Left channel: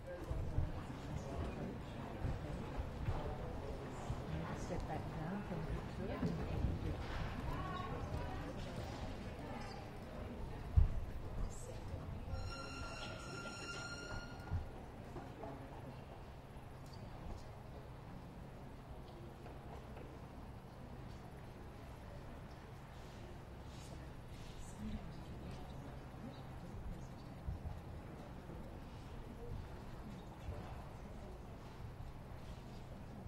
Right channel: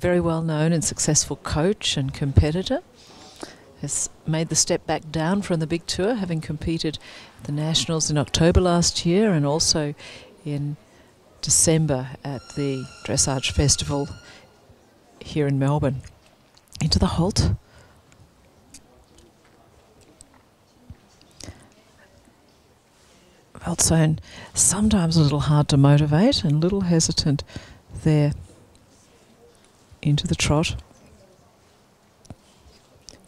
very well known and successful coach and competitor. Has made the step back down from the big tour, having competed at the Nationals in October last year and also in December at the Dressage Festival here in Melbourne. Into the halt. Weltsohn sometimes a little hard to motivate and a little hesitant there into the trot.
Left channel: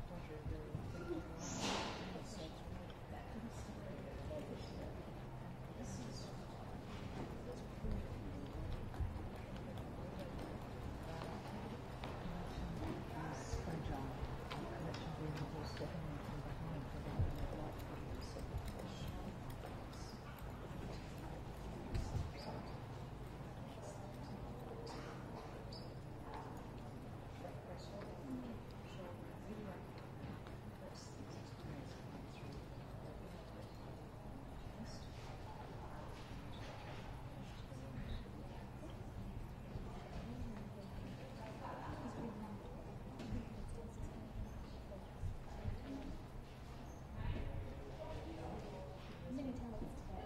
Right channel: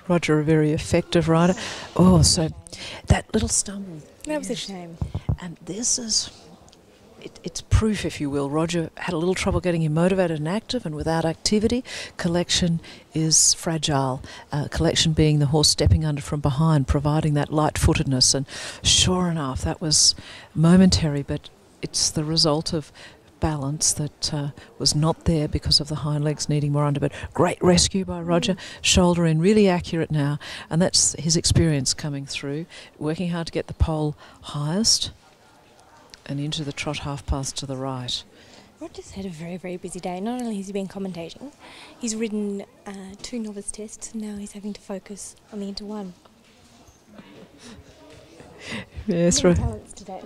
Roger, a very effective rider. Oh, so that little stumble. That was a shame. And this is, it's proof, if you will. Roger had a little trouble getting him motivated and active, and without activity, collection is fragile. Collection being the horse stepping under from behind, providing that light-footedness. And sure enough, that was momentary, but it's the result of balance that was not there because of the hind legs needing more under. But great rescue by Roger, shoulder in, really accurate now, and that's his experience coming through, working hard to get the pole highest and into the trot half pass to the right. Roger's had a very, very busy day. Not only has he been commentating, he's ridden 2 novice tests, and now he's having to focus on the Inter 1. Yes, Many talents today.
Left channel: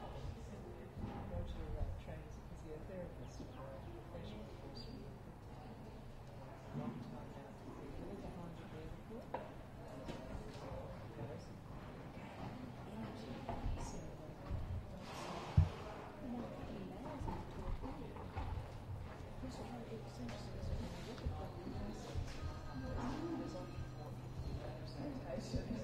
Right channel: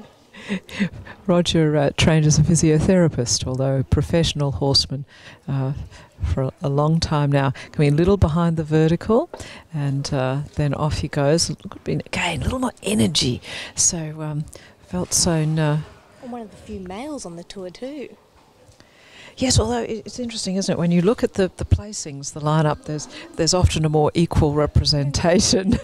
Roger trained as a physiotherapist, although a professional horseman for a long time now. Coming a little behind the vertical, and then off he goes. Again, a little more energy. So Weltsohn... one of the few males on the tour too. Yes, although it's interesting, isn't it? When you look at the placings, the lineup, there's often a more equal representation.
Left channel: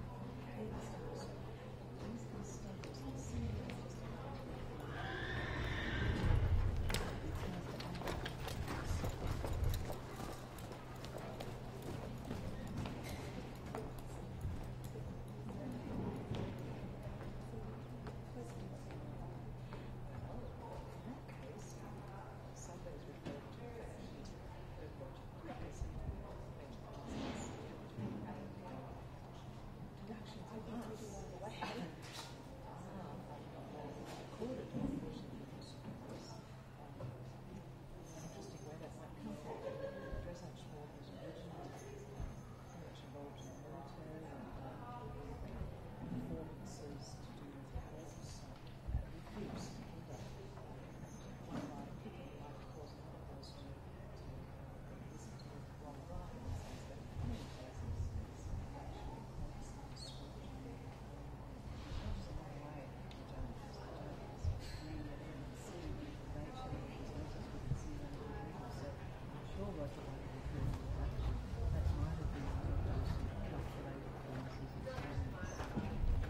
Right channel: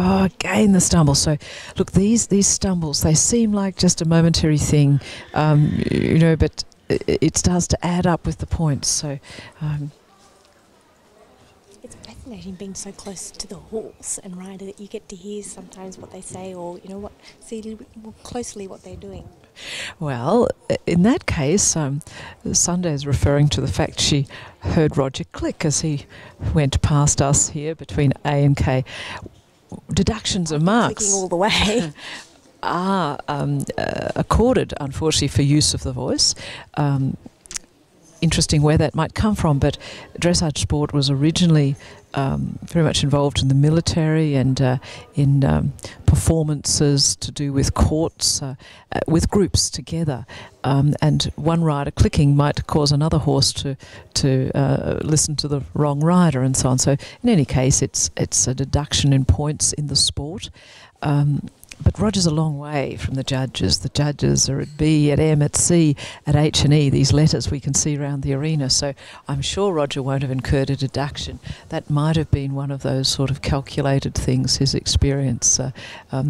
Oh, again the stumble. So, look, these stumbles, they seem like just a momentary thing, you know, but it starts to add up with the points. So, it's fascinating being so close to the horse and rider that you get to hear sometimes what they say, or you know, see a little bit more closely what they're doing. Well, in that case, Sunday is referring to the fact she heard Roger click as he went past us here between A and K. Deductions of marks Clicking all the way. are accorded, unfortunately, for use of the voice. Interesting where that might come from, but dressage sport was originally very much involved in the military and in performances to do with courts, with groups together. And one rider clicking might cause another horse to listen to the wrong rider and so on. So in any case, it's a deduction in points in the sport. But Roger's a long way from the judges. The judges are at B, at M, at C, at H and E, these letters we can see around the arena. So I'm sure Roger won't have incurred a deduction. That might have been one of those sort of calculated things, his experience.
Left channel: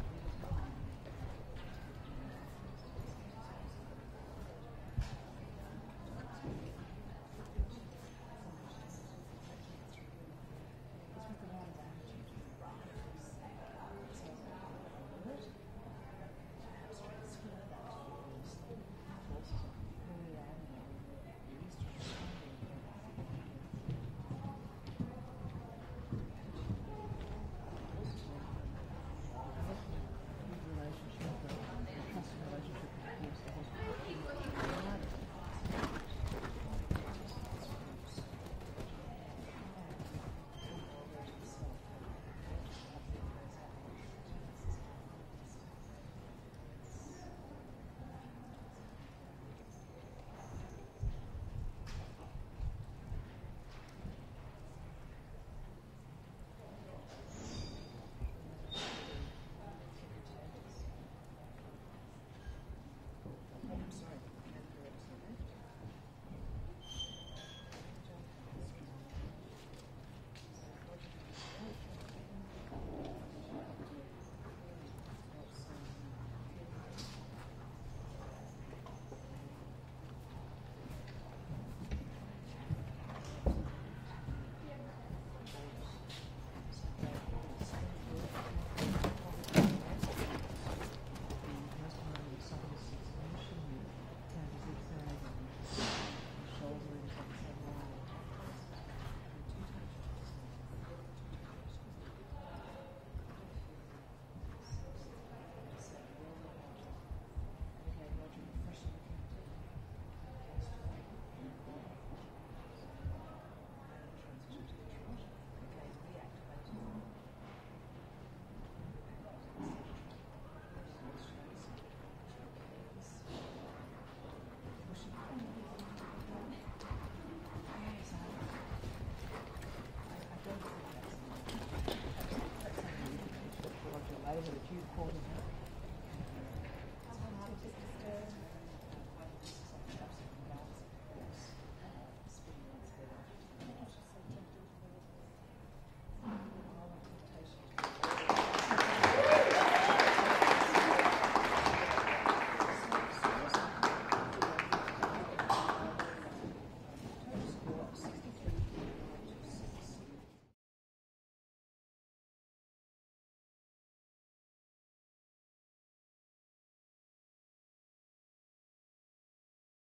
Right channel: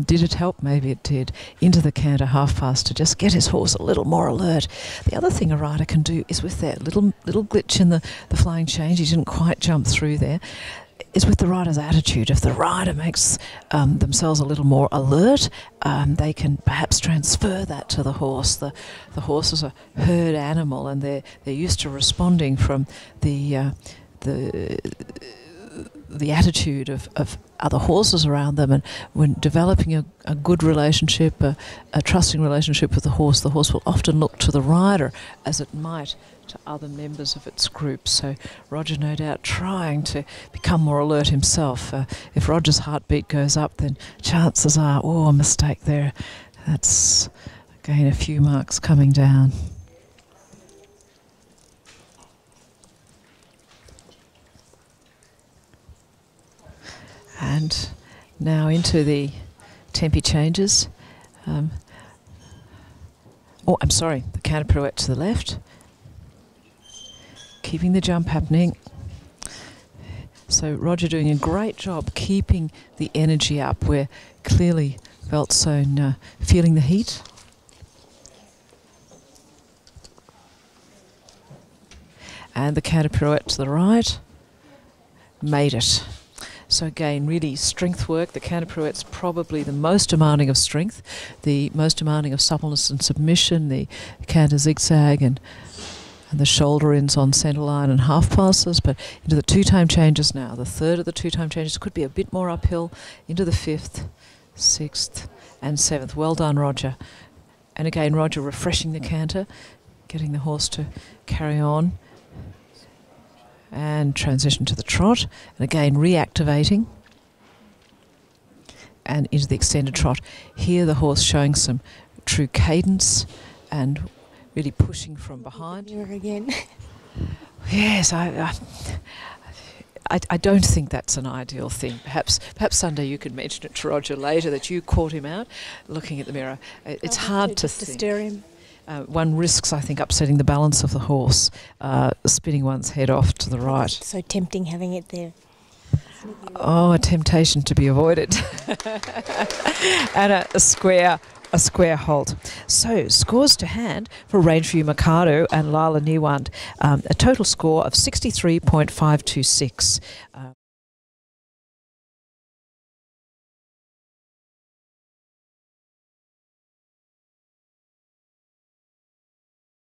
Did it help? Maybe it did. Into the canter half past to just get his horse a little more alert. The other thing a rider can do is with that little glitch in the flying change, he didn't quite jump through there, is with the rider's attitude. If the rider makes themselves a little more alert, they can perhaps transfer that to the horse. The horse is a herd animal, and they're used to responding from the attitude of other horses around them. And when developing a good relationship, a trusting relationship with the horse will often look to the rider as it might to other members of its group. So Roger, no doubt, trying to become more alert himself. If Roger's heartbeat goes up, then chances are, a mistake there. That's, again, a few marks coming down. And now into the tempi changes. I'm sorry, the counter pirouette to the left. Keeping the jump happening. So Roger doing a great job keeping the energy up. We're clearly Weltsohn feeling the heat. And the counter pirouette to the right. Made it. So again, really strength work. The counter pirouette's probably the most demanding of strength, the most demanding of suppleness and submission, the counter zigzag and the shoulder ins on centre line and half passes. But into the two-time changes now. The third of the two-time changes could be a bit more uphill. Into the fifth, sixth and seventh. Well done, Roger. And again, Roger refreshing the canter, getting the horse to carry on. And transition to the trot, and again reactivating and into the extended trot. Here the horse showing some true cadence and really pushing from behind. Here again. Yes, I don't think that's an ideal thing. Perhaps Sunday you could mention it to Roger later that you caught him out looking at the mirror. It's hard to just to stir him. One risks, I think, upsetting the balance of the horse, spinning one's head off to the right. It's so tempting having it there. Oh, a temptation to be avoided. And a square halt. So, scores to hand for Rangeview Mikado and Lala Niwand. A total score of 63.526.